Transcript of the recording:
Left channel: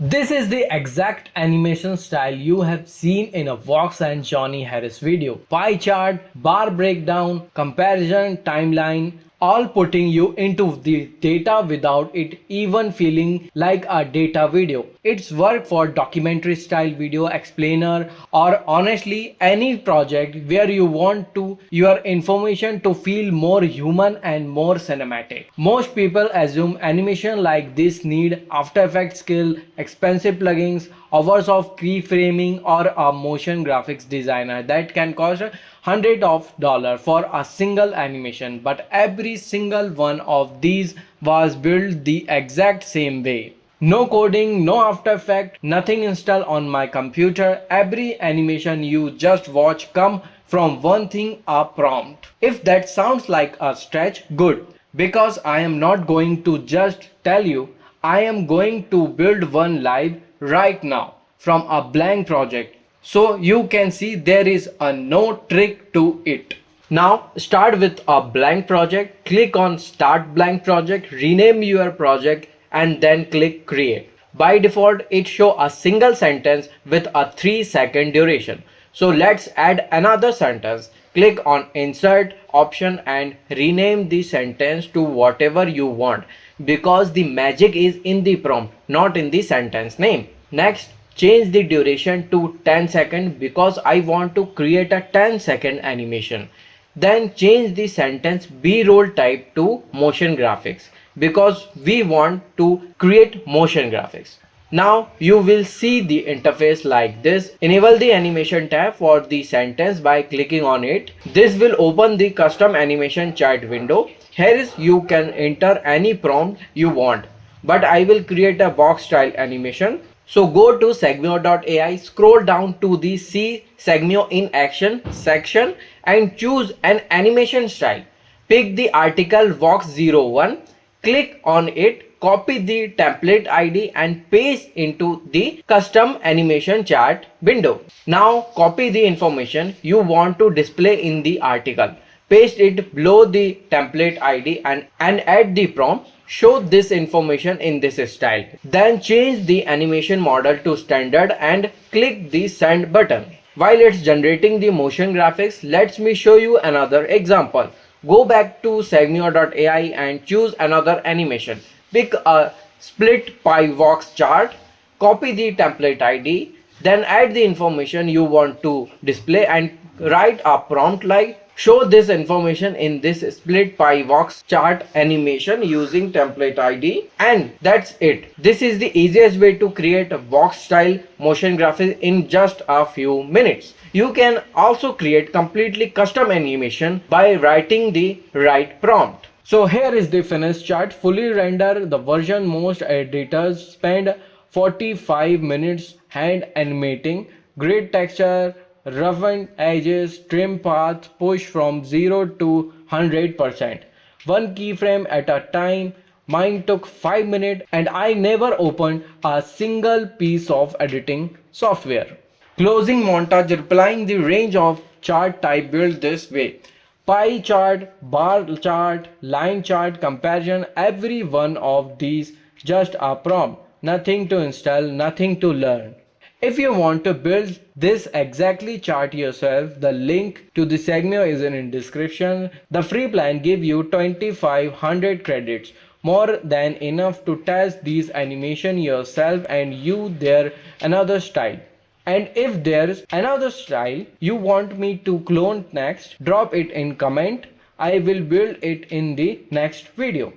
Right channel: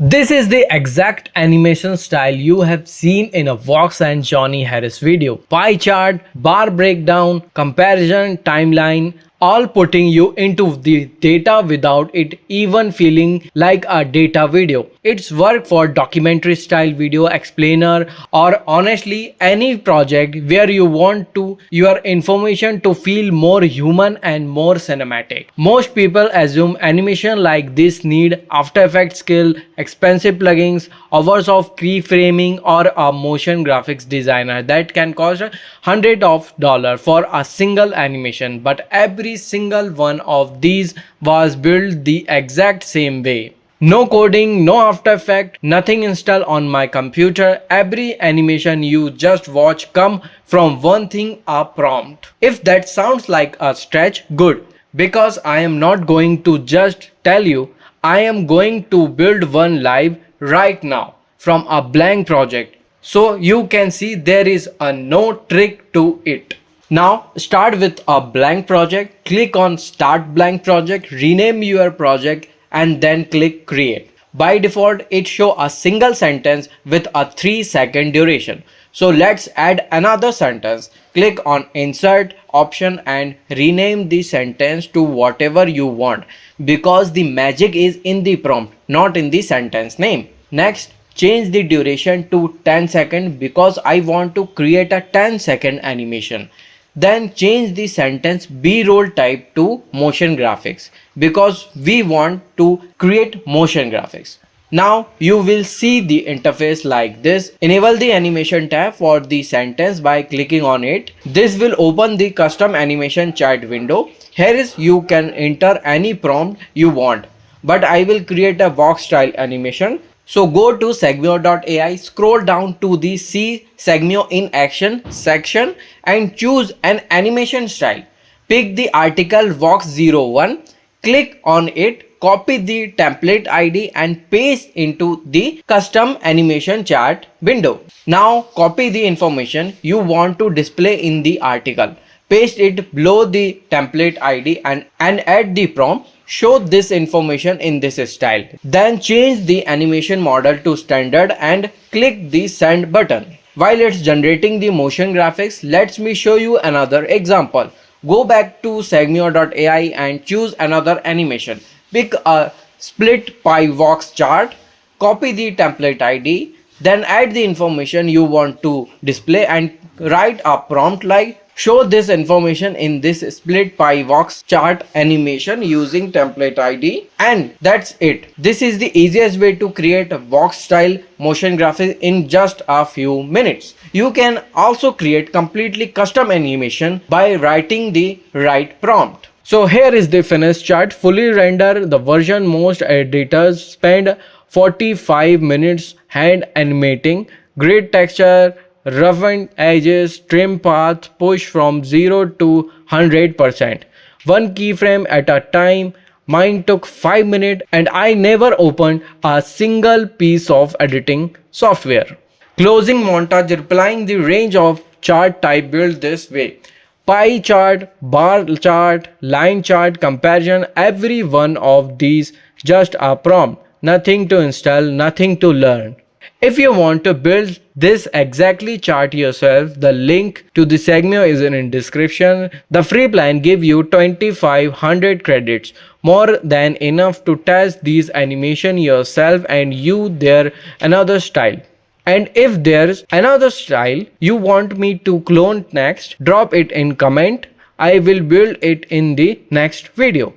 This is the exact animation style you have seen in a Vox and Johnny Harris video. Pie chart, bar breakdown, comparison, timeline, all putting you into the data without it even feeling like a data video. It's work for documentary style video explainer or honestly any project where you want to your information to feel more human and more cinematic. Most people assume animation like this need After Effects skill, expensive plugins, hours of keyframing or a motion graphics designer that can cost hundreds of dollars for a single animation, but every single one of these was built the exact same way. No coding, no After Effects, nothing installed on my computer. Every animation you just watch come from one thing, a prompt. If that sounds like a stretch, good, because I am not going to just tell you, I am going to build one live right now from a blank project, so you can see there is a no trick to it. Now start with a blank project, click on start blank project, rename your project and then click create. By default it show a single sentence with a 3-second duration. So let's add another sentence. Click on insert option and rename the sentence to whatever you want, because the magic is in the prompt, not in the sentence name. Next, change the duration to 10 seconds because I want to create a 10-second animation. Then change the sentence B-roll type to motion graphics because we want to create motion graphics. Now you will see the interface like this. Enable the animation tab for the sentence by clicking on it. This will open the custom animation chart window. Here is you can enter any prompt you want, but I will create a Vox-style animation. So go to Segmio.ai, scroll down to the See Segmio in Action section and choose an animation style. Pick the article Vox01, click on it, copy the template ID and paste into the custom animation chart window. Now copy the information you want to display in the article. Paste it below the template ID and add the prompt. Show this information in this style. Then change the animation model to standard and click the send button. While it's generating the motion graphics, let me show you another example. Go back to Segmio.ai and choose another animation. Pick a split pie Vox chart, copy the template ID, then add the information you want to display and write a prompt like show this information in this split pie Vox chart animation using template ID, and that's it. This is the easiest way to create a Vox style motion graphics in just a few minutes. You can also create completely custom animation by writing the right prompt. So here is the finished chart, fully rendered. The version most editors spend 45 minutes hand animating. Great texture, roughened edges, trim paths, push from 0 to 100%. One keyframe at a time. Mine took 5 minutes and I never opened a single piece of editing software. Closing montage replying the range of chart type built this way. Pie chart, bar chart, line chart, comparison, every one of these just a prompt. Nothing to install, nothing to learn. If you want to build this exactly chart yourself, the link to the Segmio is in description. The free plan gives you 2500 credits, more than enough to test these animation yourself and you there another style. And if there's another style you want me to clone next, drop it in comment. I will build it in the next video.